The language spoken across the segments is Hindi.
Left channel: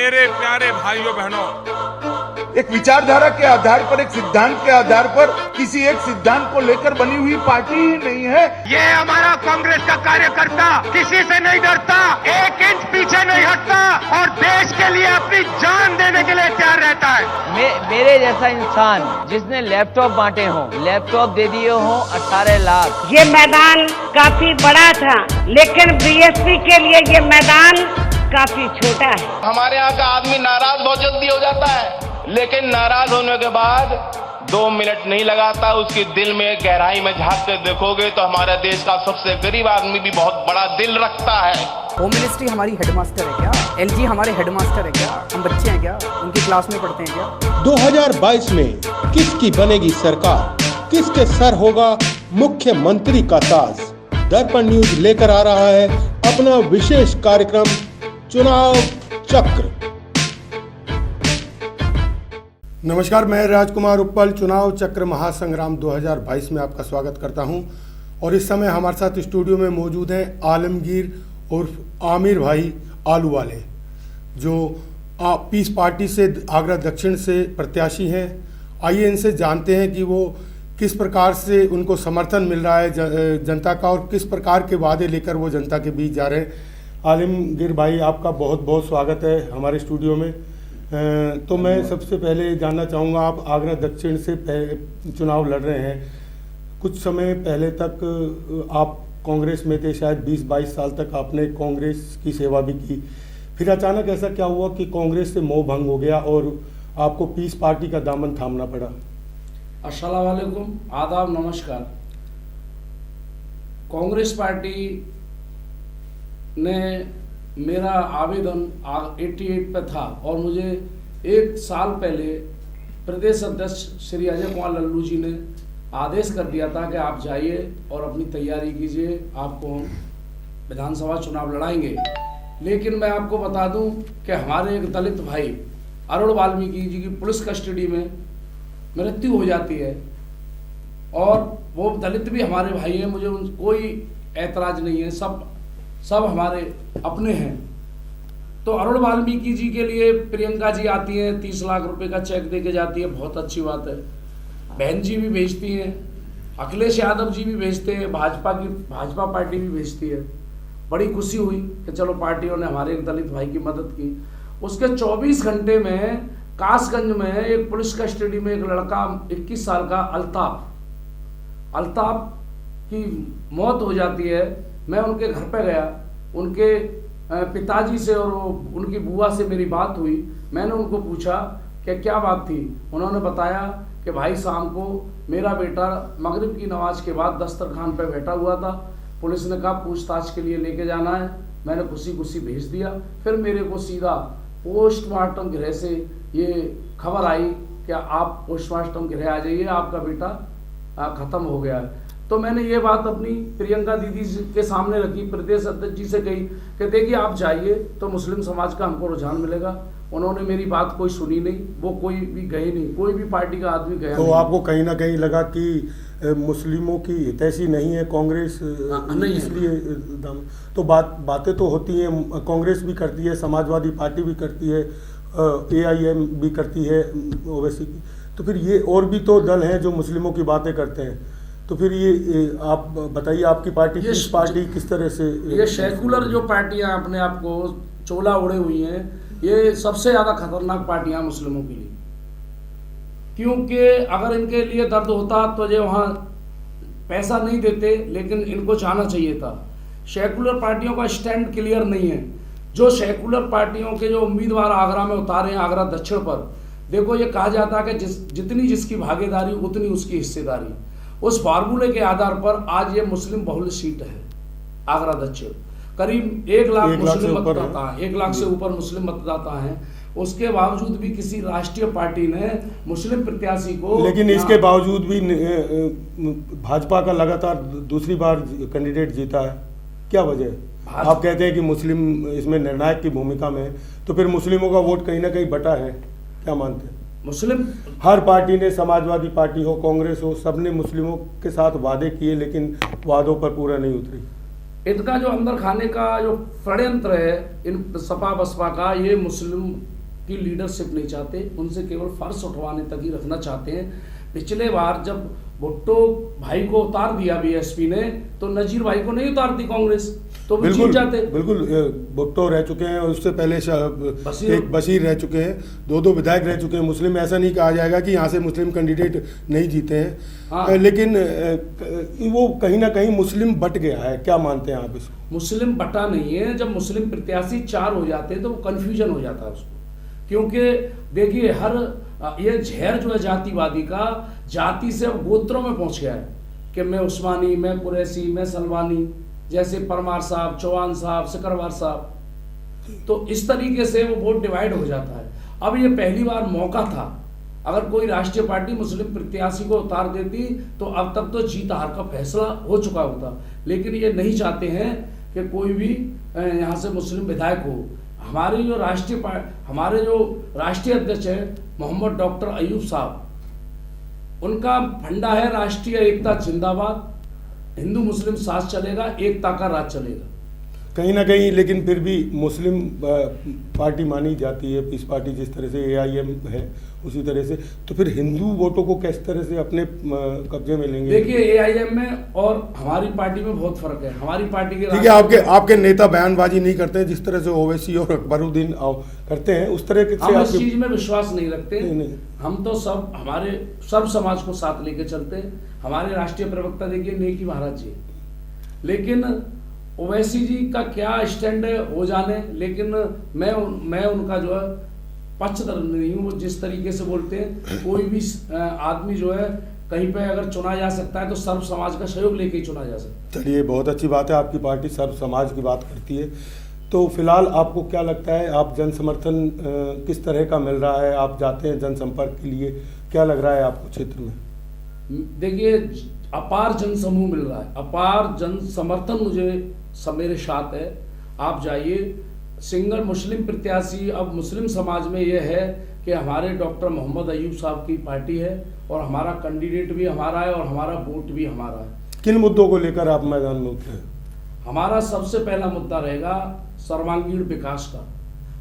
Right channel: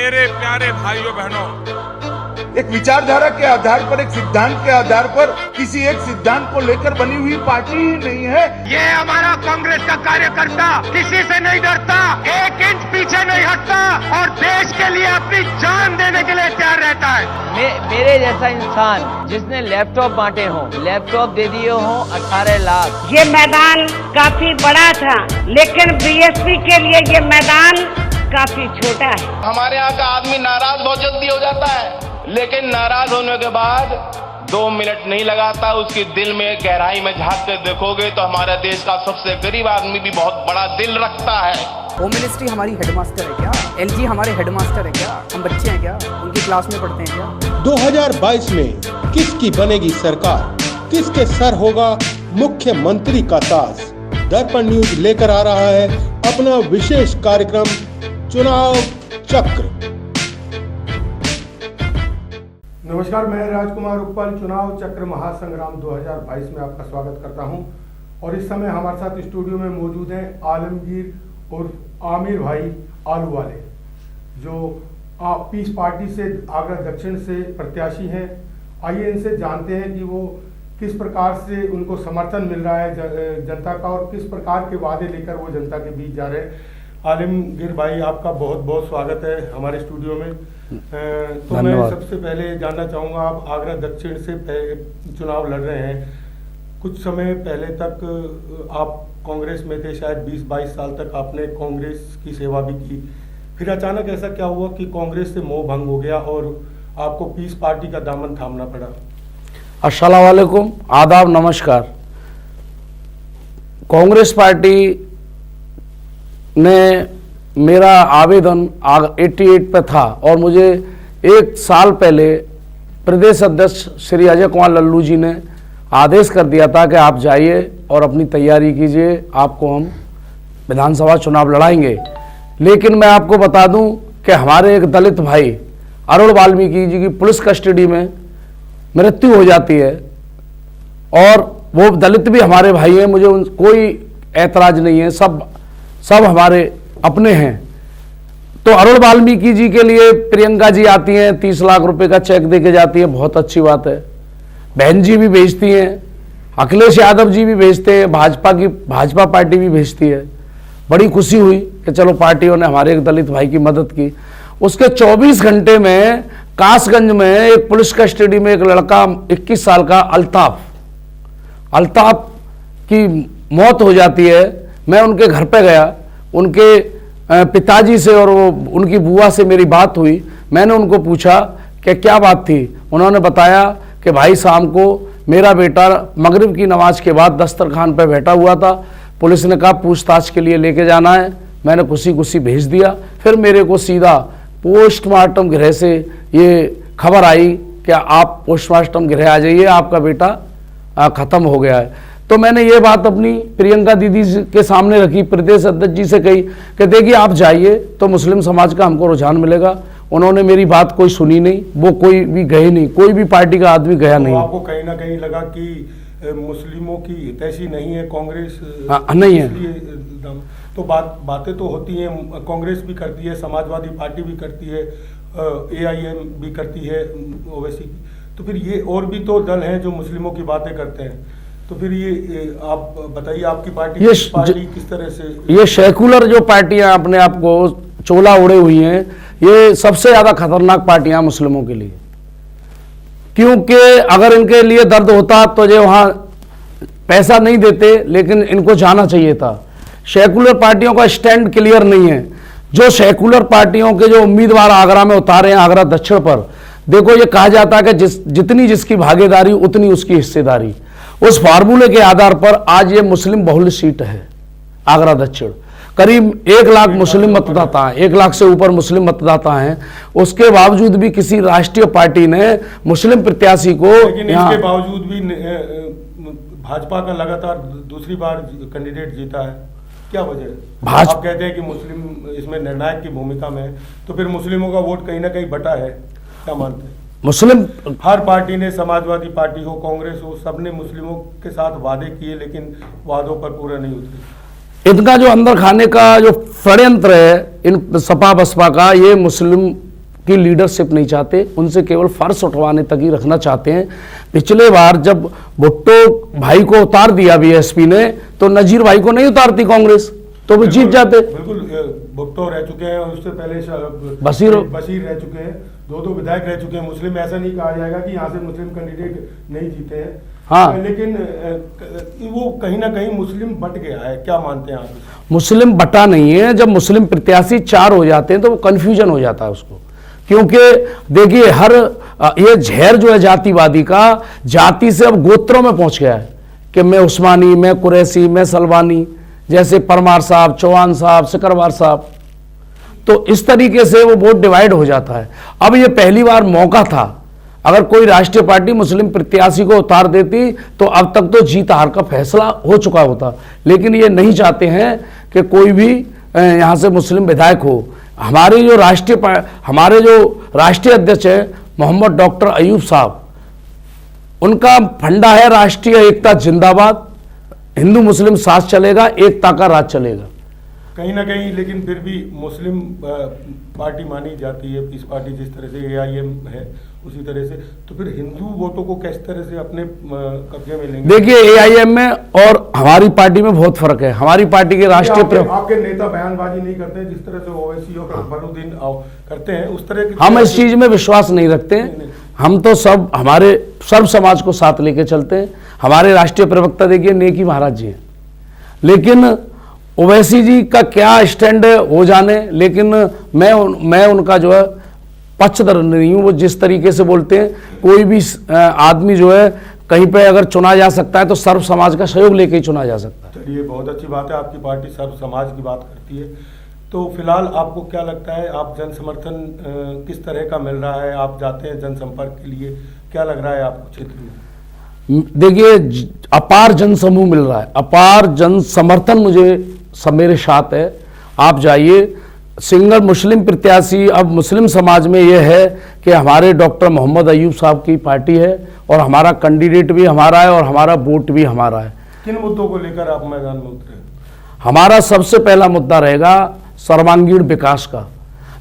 मेरे प्यारे भाइयों बहनों, एक विचारधारा के आधार पर, एक सिद्धांत के आधार पर किसी एक सिद्धांत को लेकर बनी हुई पार्टी ही नहीं है। ये हमारा कांग्रेस का कार्यकर्ता किसी से नहीं डरता, 1 इंच पीछे नहीं हटता और देश के लिए अपनी जान देने के लिए तैयार रहता है। मेरे जैसा इंसान जिसने लैपटॉप बांटे हों, लैपटॉप दे दिए हों 18 लाख। ये मैदान काफी बड़ा था, लेकिन बीएसपी के लिए ये मैदान काफी छोटा है। हमारे यहाँ का आदमी नाराज बहुत जल्दी हो जाता है, लेकिन नाराज होने के बाद 2 मिनट नहीं लगाता, उसके दिल में गहराई में झांक कर देखोगे तो हमारे देश का सबसे गरीब आदमी भी बहुत बड़ा दिल रखता है। होम मिनिस्ट्री हमारी हेडमास्टर है क्या? एलजी हमारे हेडमास्टर है क्या? हम बच्चे हैं क्या? उनकी क्लास में पढ़ते हैं क्या? 2022 में किसकी बनेगी सरकार, किसके सर होगा मुख्यमंत्री का ताज? दर्पण न्यूज लेकर आ रहा है अपना विशेष कार्यक्रम चुनाव चक्र। नमस्कार, मैं राजकुमार उप्पल चुनाव चक्र महासंग्राम 2022 में आपका स्वागत करता हूं और इस समय हमारे साथ स्टूडियो में मौजूद हैं आलमगीर और आमिर भाई आलू वाले, जो पीस पार्टी से आगरा दक्षिण से प्रत्याशी हैं। आइए इनसे जानते हैं कि वो किस प्रकार से उनको समर्थन मिल रहा है जनता का और किस प्रकार के वादे लेकर वो जनता के बीच जा रहे हैं। आलमगीर भाई, आपका बहुत बहुत स्वागत है हमारे स्टूडियो में। तो मैं सबसे पहले जानना चाहूँगा, आप आगरा दक्षिण से चुनाव लड़ रहे हैं। कुछ समय पहले तक आप कांग्रेस में थे, शायद 20-22 साल तक आपने कांग्रेस की सेवा भी की। फिर अचानक ऐसा क्या हुआ कि कांग्रेस से मोह भंग हो गया और आपको पीस पार्टी का दामन थामना पड़ा? अस्सलाम वालेकुम, आदाब, नमस्कार। कांग्रेस पार्टी ने मेरा आवेदन 88 पे था और मुझे 1 साल पहले प्रदेश अध्यक्ष श्री अजय कुमार लल्लू जी ने आदेश कर दिया था कि आप जाइए और अपनी तैयारी कीजिए, आपको हम विधानसभा चुनाव लड़ाएंगे। लेकिन मैं आपको बता दूं कि हमारे एक दलित भाई अरुण वाल्मीकि जी की पुलिस कस्टडी में मृत्यु हो जाती है और वो दलित भी हमारे भाई हैं, मुझे कोई ऐतराज नहीं है, सब हमारे अपने हैं। तो अरुण वाल्मीकि जी के लिए प्रियंका जी आती हैं, 30 लाख रुपए का चेक देके जाती है, बहुत अच्छी बात है। बहन जी भी भेजती हैं, अखिलेश यादव जी भी भेजते हैं, भाजपा पार्टी भी भेजती है। बड़ी खुशी हुई कि चलो पार्टियों ने हमारे एक दलित भाई की मदद की। उसके 24 घंटे में कासगंज में एक पुलिस कस्टडी में एक लड़का 21 साल का अल्ताफ की मौत हो जाती है। मैं उनके घर पे गया, उनके पिताजी से और वो उनकी बुआ से मेरी बात हुई। मैंने उनको पूछा कि क्या बात थी। उन्होंने बताया कि भाई शाम को मेरा बेटा मगरिब की नमाज के बाद दस्तरखान पे बैठा हुआ था, पुलिस ने कहा पूछताछ के लिए लेके जाना है। मैंने खुशी भेज दिया। फिर मेरे को सीधा पोस्टमार्टम गृह से ये खबर आई कि आप पोस्टमार्टम गृह आ जाइए, आपका बेटा खत्म हो गया है। तो मैंने ये बात अपनी प्रियंका दीदी के सामने रखी, प्रदेश अध्यक्ष जी से कही कि देखिए आप जाइए तो मुस्लिम समाज का हमको रुझान मिलेगा। उन्होंने मेरी बात कोई सुनी नहीं, वो कोई भी गए नहीं, कोई भी पार्टी का आदमी गया नहीं। आपको कहीं ना कहीं लगा कि मुस्लिमों की हितैषी नहीं है कांग्रेस? नहीं है। तो बातें तो होती हैं, कांग्रेस भी करती है, समाजवादी पार्टी भी करती है, AIM भी करती है ओवैसी की। तो फिर ये और भी तो दल हैं जो मुस्लिमों की बातें करते हैं। तो फिर ये आप बताइए, आपकी पार्टी किस तरह से? ये सेकुलर जो पार्टियां अपने आप को चोला उड़े हुई हैं, ये सबसे ज्यादा खतरनाक पार्टियां मुस्लिमों के लिए। क्योंकि अगर इनके लिए दर्द होता तो ये वहां पैसा नहीं देते, लेकिन इनको जाना चाहिए था। सेकुलर पार्टियों का स्टैंड क्लियर नहीं है। जो सेकुलर पार्टियों के जो उम्मीदवार आगरा में उतारे हैं, आगरा दक्षिण पर, देखो ये कहा जाता है कि जितनी जिसकी भागीदारी उतनी उसकी हिस्सेदारी। उस फार्मूले के आधार पर आज ये मुस्लिम बहुल सीट है आगरा दक्षिण। करीब 1 लाख मुस्लिम मतदाता हैं, 1 लाख से ऊपर मुस्लिम मतदाता हैं। उसके बावजूद भी किसी राष्ट्रीय पार्टी ने मुस्लिम प्रत्याशी को, लेकिन इसके बावजूद भी भाजपा का लगातार दूसरी बार कैंडिडेट जीता है, क्या वजह है? आप कहते हैं कि मुस्लिम इसमें निर्णायक की भूमिका में है, तो फिर मुस्लिमों का वोट कहीं ना कहीं बटा है, क्या मानते हैं? मुस्लिम हर पार्टी ने, समाजवादी पार्टी हो, कांग्रेस हो, सबने मुस्लिमों के साथ वादे किए, लेकिन वादों पर पूरा नहीं उतरे। इनका जो अंदर खाने का जो षड्यंत्र है इन सपा बसपा का, ये मुस्लिम की लीडरशिप नहीं चाहते, उनसे केवल फर्श उठवाने तक ही रखना चाहते हैं। पिछले बार जब भुट्टो भाई को उतार दिया बीएसपी ने, तो नजीर भाई को नहीं उतारती कांग्रेस, तो वो जीत जाते। बिल्कुल, भुट्टो रह चुके हैं, उससे पहले बशीर रह चुके हैं, दो विधायक रह चुके हैं मुस्लिम। ऐसा नहीं कहा जाएगा कि यहाँ से मुस्लिम कैंडिडेट नहीं जीते हैं। हाँ, लेकिन वो कहीं ना कहीं मुस्लिम बट गया है, क्या मानते हैं आप इसे? मुस्लिम बटा नहीं है। जब मुस्लिम प्रत्याशी 4 हो जाते हैं तो वो कंफ्यूजन हो जाता है उसको, क्योंकि देखिए ये जहर जो है जातिवादी का, जाति से अब गोत्रों में पहुंच गया है कि मैं उस्मानी, मैं कुरैशी, मैं सलवानी, जैसे परमार साहब, चौहान साहब, सिकरवार साहब। तो इस तरीके से वो वोट डिवाइड हो जाता है। अब ये पहली बार मौका था, अगर कोई राष्ट्रीय पार्टी मुस्लिम प्रत्याशी को उतार देती तो अब तक तो जीत हार का फैसला हो चुका होता, लेकिन ये नहीं चाहते हैं कि कोई भी यहाँ से मुस्लिम विधायक हो। हमारे जो राष्ट्रीय अध्यक्ष है मोहम्मद डॉक्टर अयूब साहब, उनका फंडा है राष्ट्रीय एकता जिंदाबाद, हिंदू मुस्लिम साथ चलेगा, एकता का राज चलेगा। कहीं ना कहीं लेकिन फिर भी मुस्लिम पार्टी मानी जाती है, पीस पार्टी जिस तरह से AIM है उसी तरह से, तो फिर हिंदू वोटों को किस तरह से अपने कब्जे में लेंगे? देखिए AIM में और हमारी पार्टी में बहुत फर्क है। हमारी पार्टी के राष्ट्रीय आपके नेता बयानबाजी नहीं करते जिस तरह से ओवैसी और अकबरुद्दीन करते हैं, उस तरह के हम इस चीज में विश्वास नहीं रखते। हम तो हमारे सर्व समाज को साथ लेके चलते हैं। हमारे राष्ट्रीय प्रवक्ता देखिए नेकी महाराज जी हैं, लेकिन ओवैसी जी का क्या स्टैंड हो जाने, लेकिन मैं उनका जो है पक्षधर नहीं हूं। वो जिस तरीके से बोलते हैं, कोई भी आदमी जो है कहीं पे अगर चुना जा सकता है तो सर्व समाज का सहयोग लेके ही चुना जा सकता है। चलिए, बहुत अच्छी बात है, आपकी पार्टी सर्व समाज की बात करती है। तो फिलहाल आपको क्या लगता है, आप जन समर्थन किस तरह का मिल रहा है? आप जाते हैं जनसंपर्क के लिए, क्या लग रहा है आपको क्षेत्र में? देखिए, अपार जन समूह मिल रहा है, अपार जन समर्थन मुझे सब मेरे साथ है। आप जाइए, सिंगल मुस्लिम प्रत्याशी अब मुस्लिम समाज में यह है कि हमारे डॉक्टर मोहम्मद अयूब साहब की पार्टी है और हमारा कैंडिडेट भी हमारा है और हमारा वोट भी हमारा है। किन मुद्दों को लेकर आप मैदान में उतरे हैं? हमारा सबसे पहला मुद्दा रहेगा सर्वांगीण विकास का।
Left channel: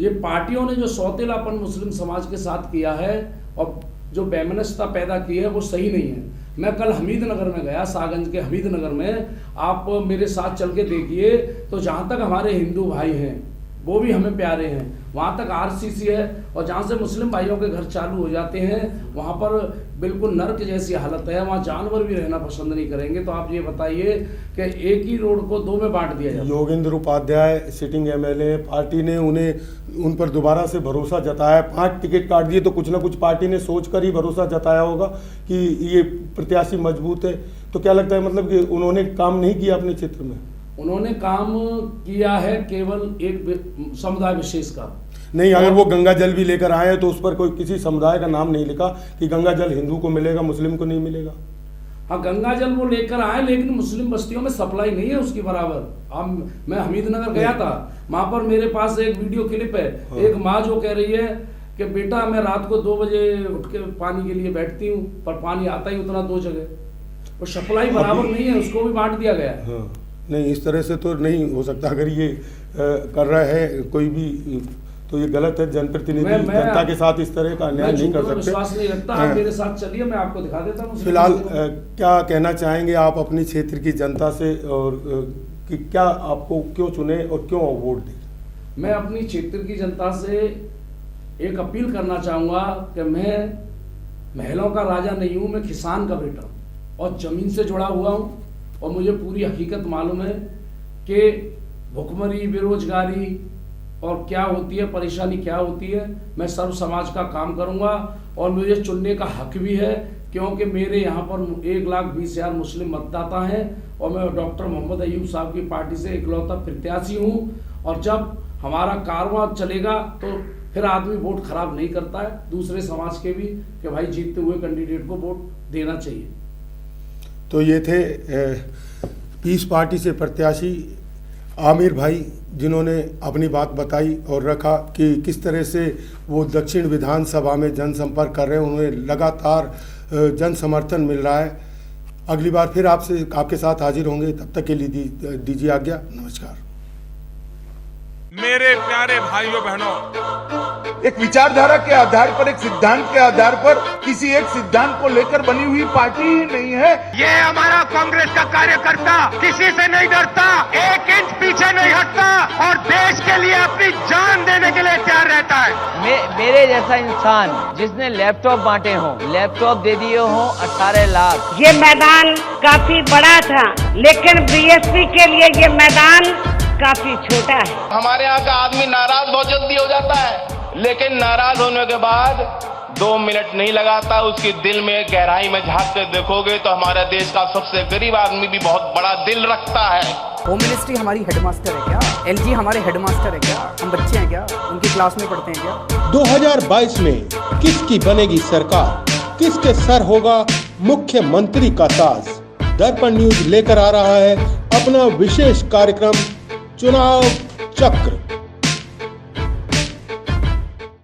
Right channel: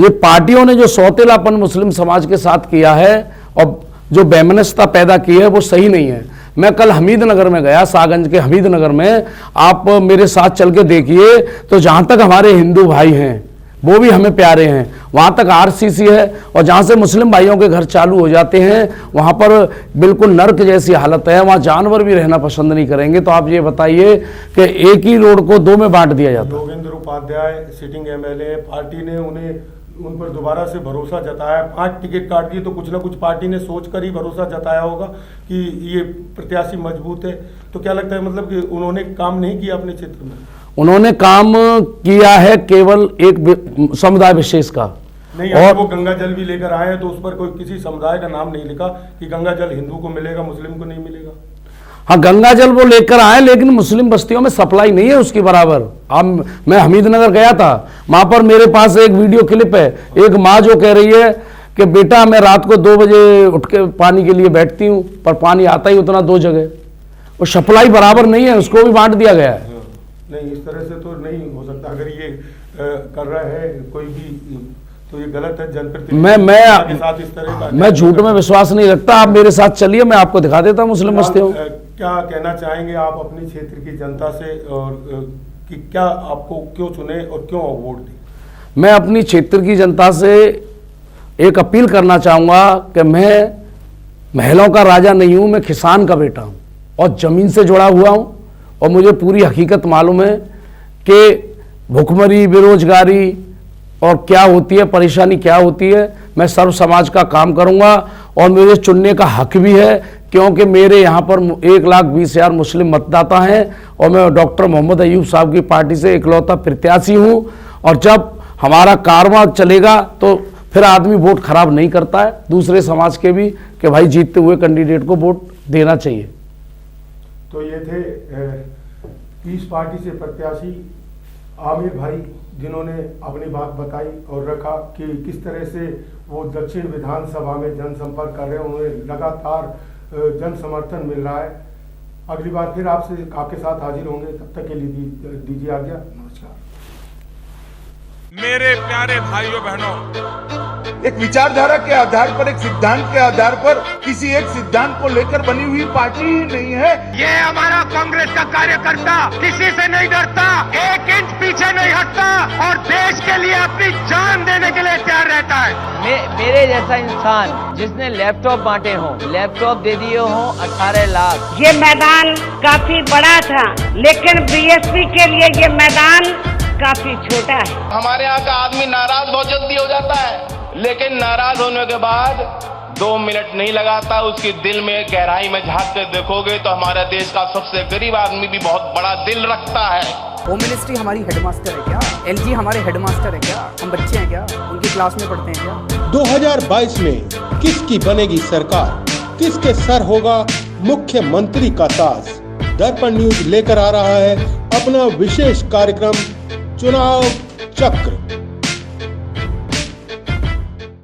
ये पार्टियों ने जो सौतेलापन मुस्लिम समाज के साथ किया है और जो वैमनस्यता पैदा की है वो सही नहीं है। मैं कल हमीदनगर में गया, सागंज के हमीदनगर में, आप मेरे साथ चल के देखिए तो जहां तक हमारे हिंदू भाई हैं वो भी हमें प्यारे हैं, वहां तक RCC है, और जहां से मुस्लिम भाइयों के घर चालू हो जाते हैं वहां पर बिल्कुल नर्क जैसी हालत है, वहां जानवर भी रहना पसंद नहीं करेंगे। तो आप ये बताइए कि एक ही रोड को 2 में बांट दिया जाता है। Yogendra Upadhyay sitting MLA, party ने उन पर दोबारा से भरोसा जताया, 5 टिकट काट दिए, तो कुछ ना कुछ पार्टी ने सोचकर ही भरोसा जताया होगा कि ये प्रत्याशी मजबूत है। तो क्या लगता है, मतलब कि उन्होंने काम नहीं किया अपने क्षेत्र में? उन्होंने काम किया है केवल एक समुदाय विशेष का। नहीं, और वो गंगा जल भी लेकर आए हैं तो उस पर कोई किसी समुदाय का नाम नहीं लिखा कि गंगा जल हिंदू को मिलेगा, मुस्लिम को नहीं मिलेगा। हाँ, गंगा जल वो लेकर आए, लेकिन मुस्लिम बस्तियों में सप्लाई नहीं है उसकी बराबर। अब मैं हमीदनगर गया था, वहां पर मेरे पास एक वीडियो क्लिप है, एक माँ जो कह रही है कि बेटा मैं रात को 2 बजे उठ के पानी के लिए बैठती हूँ, पर पानी आता ही उतना 2 जगह, वो सप्लाई बराबर नहीं है, उसको भी बांट दिया गया है। नहीं, इस तरह से तो नहीं हो सकता। अगर ये कर रहा है कोई भी तो ये गलत है। जनप्रतिनिधि के साथ इस तरह का, मैं झूठ में विश्वास नहीं रखता। आप मेरे साथ चलिए, मैं आपको दिखा देता हूँ मुस्लिम बस्तियों। क्या कहना चाहेंगे आप अपने क्षेत्र की जनता से, और कि क्या आपको क्यों चुने और क्यों वोट दी? मैं अपनी क्षेत्र की जनता से एक अपील करना चाहूँगा कि मैं महलों का राजा नहीं हूँ, मैं किसान का बेटा हूँ और ज़मीन से जुड़ा हुआ हूँ, और मुझे पूरी हकीकत मालूम है कि भुखमरी, बेरोजगारी और क्या होती है, परेशानी क्या होती है। मैं सर्व समाज का काम करूंगा और मुझे चुनने का हक भी है, क्योंकि मेरे यहाँ पर 1,20,000 मुस्लिम मतदाता हैं और मैं डॉक्टर मोहम्मद अयूब साहब की पार्टी से इकलौता प्रत्याशी हूँ। और जब हमारा कारवां चलेगा तो फिर आदमी वोट खराब नहीं करता है दूसरे समाज के भी, कि भाई जीतते हुए कैंडिडेट को वोट देना चाहिए। तो ये थे पीस पार्टी से प्रत्याशी आमिर भाई, जिन्होंने अपनी बात बताई और रखा कि किस तरह से वो दक्षिण विधानसभा में जनसंपर्क कर रहे हैं, उन्हें लगातार जन समर्थन मिल रहा है। अगली बार फिर आपके साथ हाजिर होंगे, तब तक के लिए दीजिए आज्ञा। नमस्कार। मेरे प्यारे भाइयों बहनों, एक विचारधारा के आधार पर, एक सिद्धांत के आधार पर किसी एक सिद्धांत को लेकर बनी हुई पार्टी ही नहीं है। ये हमारा कांग्रेस का कार्यकर्ता किसी से नहीं डरता, एक इंच पीछे नहीं हटता और देश के लिए अपनी जान देने के लिए तैयार रहता है। मेरे जैसा इंसान जिसने लैपटॉप बांटे हों, लैपटॉप दे दिए हों 18 लाख। ये मैदान काफी बड़ा था, लेकिन बीएसपी के लिए ये मैदान काफी छोटा है। हमारे यहाँ का आदमी नाराज बहुत जल्दी हो जाता है, लेकिन नाराज होने के बाद 2 मिनट नहीं लगाता। उसकी दिल में गहराई में झांक कर देखोगे तो हमारे देश का सबसे गरीब आदमी भी बहुत बड़ा दिल रखता है। होम मिनिस्ट्री हमारी हेडमास्टर है क्या? एलजी हमारे हेडमास्टर है क्या? हम बच्चे हैं क्या? उनकी क्लास में पढ़ते हैं क्या? 2022 में किसकी बनेगी सरकार, किसके सर होगा मुख्यमंत्री का ताज? दर्पण न्यूज लेकर आ रहा है अपना विशेष कार्यक्रम चुनाव चक्र।